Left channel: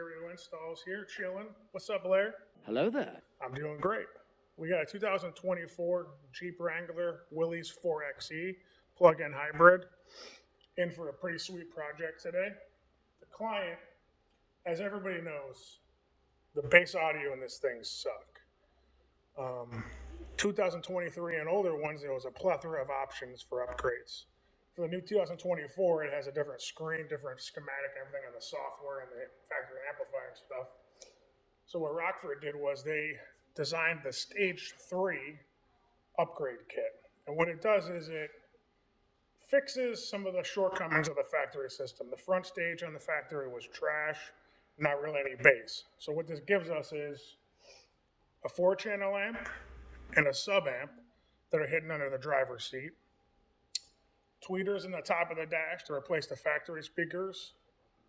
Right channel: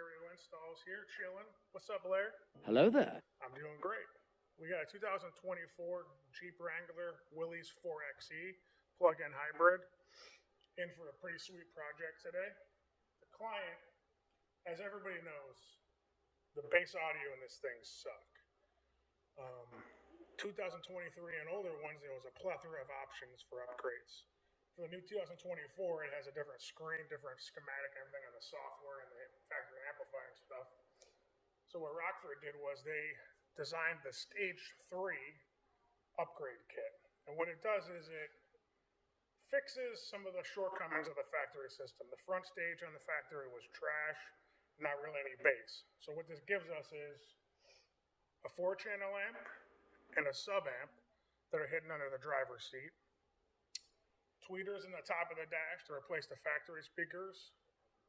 stereo installs here, chilling. What's up, Blair? Hello there. I'm doing great. We got a 2024 Jeep Wrangler Willys 4xe plug-in hybrid in for a pretty sweet project today. The client, as everybody knows, the bass audio in this thing suck. 2023 and older ones, there was a plethora of options for upgrades. For the new 2024, it has a different screen, different schematic, everything on the software and the factory amplifier and stuff. So what Rockford did was they designed the Stage 3 upgrade kit. And what it does is it fixes some of the shortcomings of the factory system. The front stage on the factory was trash, not really any bass. So what this gives us is a 4-channel amp and a sub amp that are hidden under the driver's seat. Tweeters in the top of the dash to replace the factory speakers.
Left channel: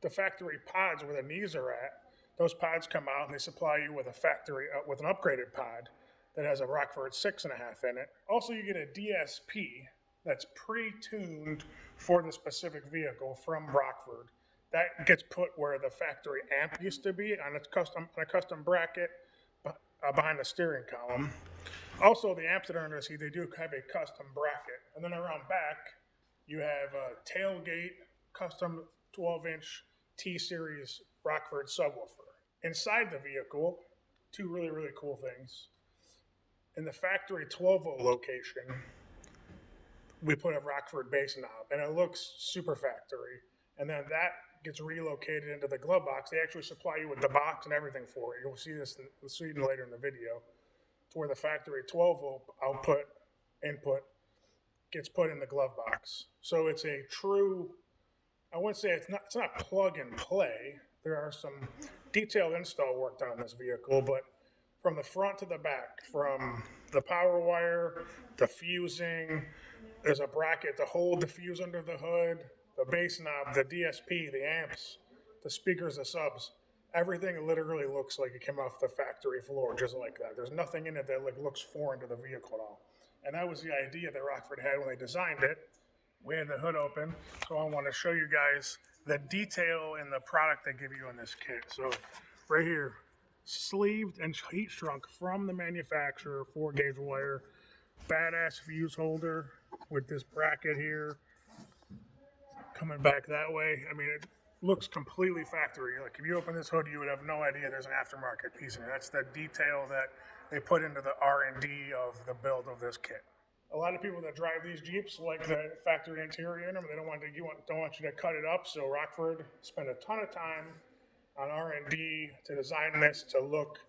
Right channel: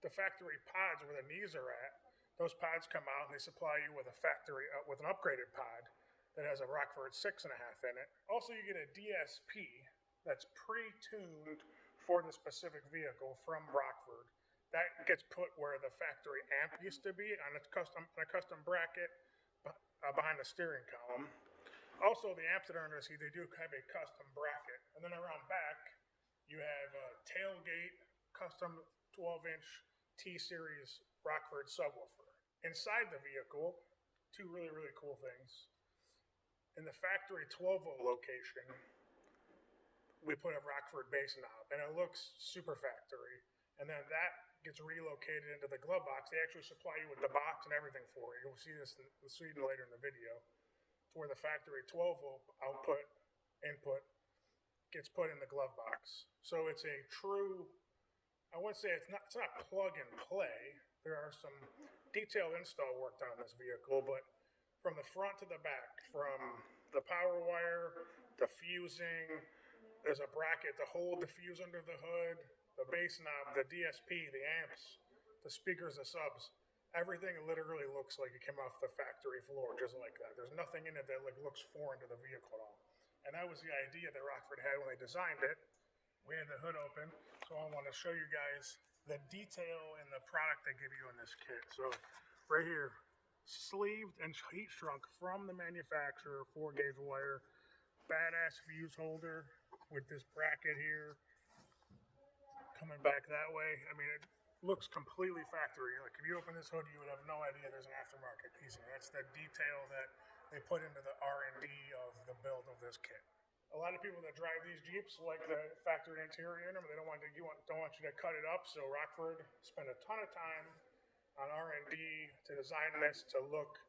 The factory pods where the knees are at, those pods come out and they supply you with with an upgraded pod that has a Rockford 6.5 in it. Also, you get a DSP that's pre-tuned for the specific vehicle from Rockford. That gets put where the factory amp used to be on a custom bracket behind the steering column. Also, the amps that are under the seat, they do have a custom bracket. And then around back, you have a tailgate custom 12-inch T-Series Rockford subwoofer. Inside the vehicle, two really cool things. In the factory 12-volt location, we put a Rockford bass knob, and it looks super factory. And then that gets relocated into the glove box. They actually supply you with the box and everything for it. You'll see this later in the video, to where the factory 12-volt input gets put in the glove box. So it's a true, I wouldn't say it's not plug and play. There are some detailed install work done on this vehicle, but from the front to the back, from the power wire, the fusing, there's a bracket to hold the fuse under the hood, the bass knob, the DSP, the amps, the speakers, the subs. Everything literally looks like it came off the factory floor, just like that. There's nothing in it that looks foreign to the vehicle at all. And that was the idea that Rockford had when they designed it. We had the hood open, so I want to show you guys the detail in the product they give you in this kit. So right here, sleeved and heat shrunk from the manufacturer, 4-gauge wire, badass fuse holder with this bracket here, coming back that way. I mean, it looks completely factory. Like if you open this hood, you would have no idea there's an aftermarket piece in it. That's the detail that they put into the R&D of the build of this kit. A lot of people that drive these Jeeps like the factory interior in them. They don't want you to cut it up. So Rockford spent a ton of time on R&D to design this to look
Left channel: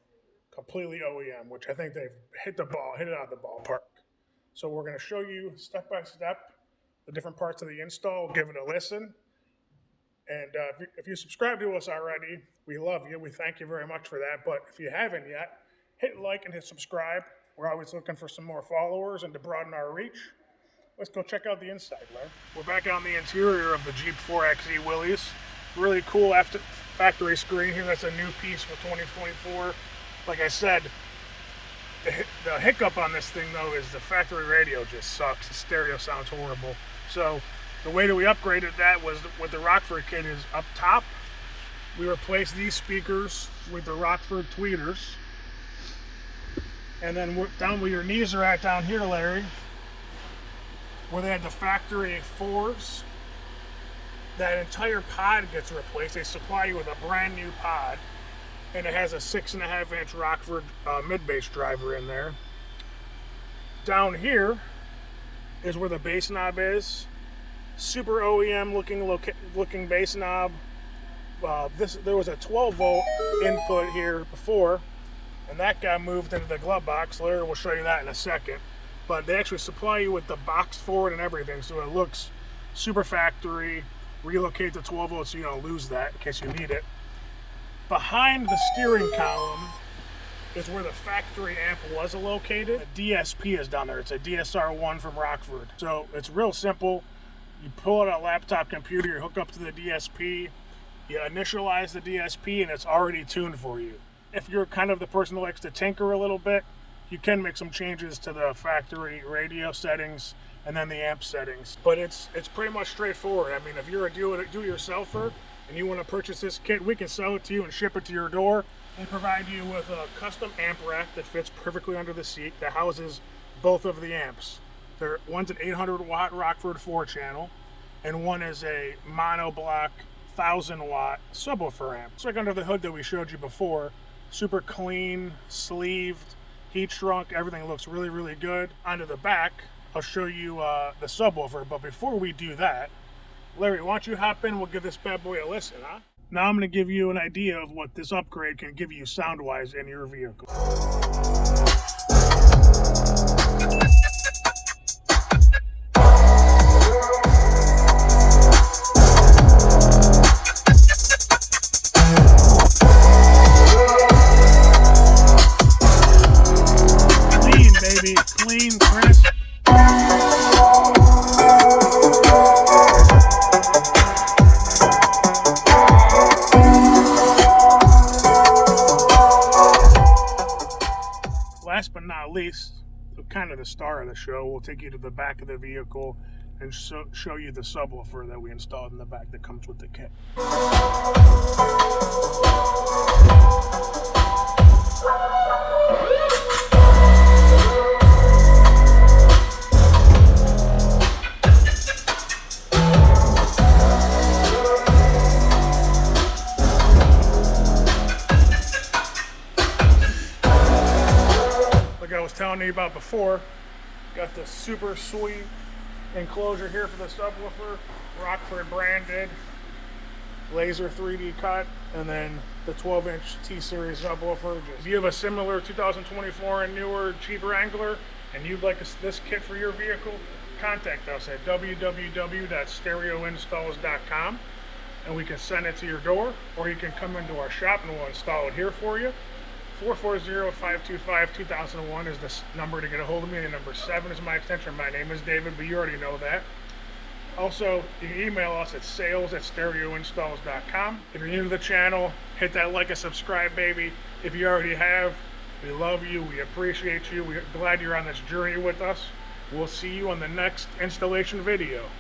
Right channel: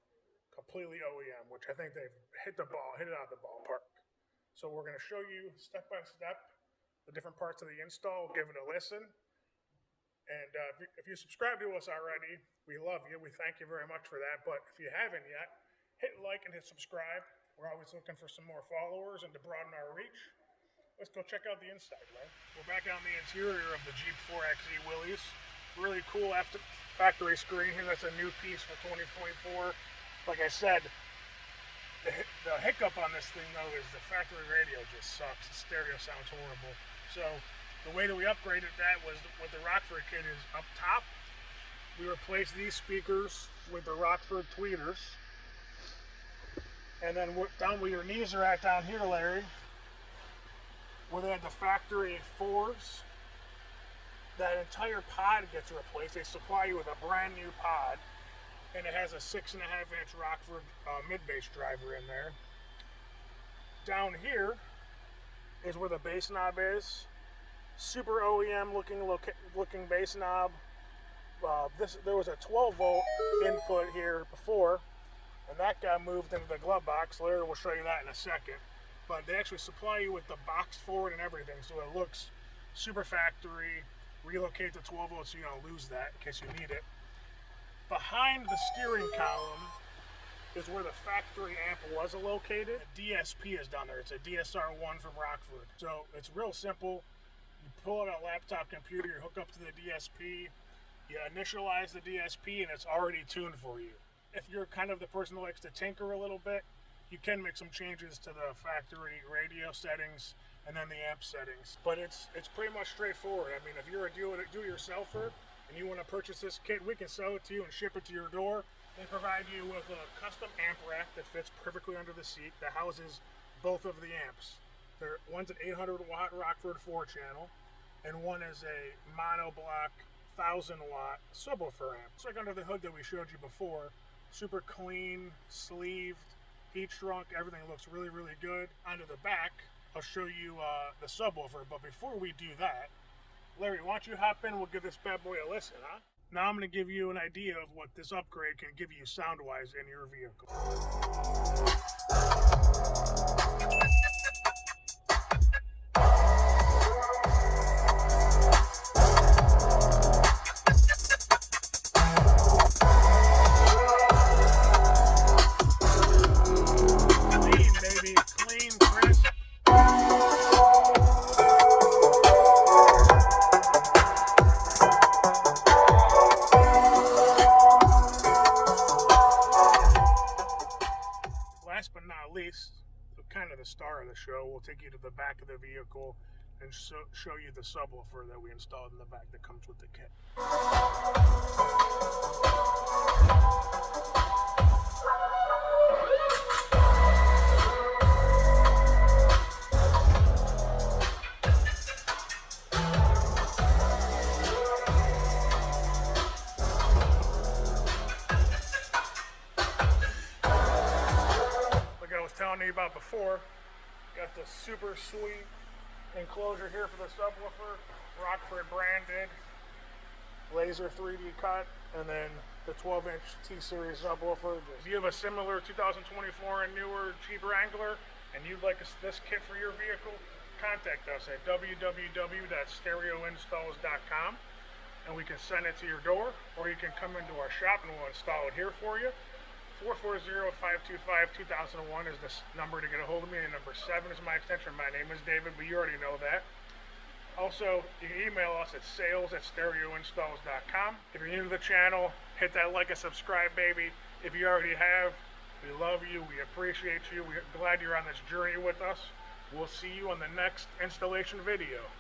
completely OEM, which I think they've hit it out of the ballpark. So we're going to show you step by step the different parts of the install. Give it a listen. And if you subscribe to us already, we love you. We thank you very much for that. But if you haven't yet, hit like and hit subscribe. We're always looking for some more followers and to broaden our reach. Let's go check out the inside, Larry. We're back on the interior of the Jeep 4xe Willys. Really cool factory screen here. That's a new piece for 2024. Like I said, the hiccup on this thing, though, is the factory radio just sucks. The stereo sounds horrible. So the way that we upgraded that was with the Rockford kit is up top. We replaced these speakers with the Rockford tweeters. And then down where your knees are at down here, Larry, where they had the factory 4s, that entire pod gets replaced. They supply you with a brand new pod, and it has a 6.5-inch Rockford mid-bass driver in there. Down here is where the bass knob is. Super OEM looking bass knob. There was a 12-volt input here before, and that got moved into the glove box. Larry will show you that in a second. But they actually supply you with the box for it and everything, so it looks super factory. Relocate the 12 volts so you don't lose that in case you need it. Behind the steering column is where the factory amp was located. The DSP is down there. It's a DSR1 from Rockford. So it's real simple. You pull out a laptop computer, you hook up to the DSP, you initialize the DSP, and it's already tuned for you. If you're kind of the person that likes to tinker a little bit, you can make some changes to the factory radio settings and then the amp settings. But it's pretty much straightforward. I mean, if you're a do-it-yourselfer, and you want to purchase this kit, we can sell it to you and ship it to your door. They provide you with a custom amp rack that fits perfectly under the seat that houses both of the amps. One's an 800 watt Rockford 4-channel, and one is a monoblock 1000 watt subwoofer amp. It's like under the hood that we showed you before. Super clean, sleeved, heat shrunk, everything looks really, really good. Onto the back, I'll show you the subwoofer, but before we do that, Larry, why don't you hop in, we'll give this bad boy a listen, huh? Now I'm going to give you an idea of what this upgrade can give you sound-wise in your vehicle. Clean, baby. Clean, crisp. Last but not least, kind of the star of the show, we'll take you to the back of the vehicle and show you the subwoofer that we installed in the back that comes with the kit. I was telling you about before, got the super sweet enclosure here for the subwoofer, Rockford branded, laser 3D cut, and then the 12-inch T-Series subwoofer. If you have a similar 2024 and newer Jeep Wrangler and you'd like this kit for your vehicle, contact us at www.stereoinstalls.com and we can send it to your door, or you can come into our shop and we'll install it here for you. 440-525-2001 is the number to get a hold of me, and number 7 is my extension. My name is David, but you already know that. Also, you can email us at sales@stereoinstalls.com. If you're new to the channel, hit that like and subscribe, baby. If you already have, we love you, we appreciate you, we're glad you're on this journey with us. We'll see you on the next installation video.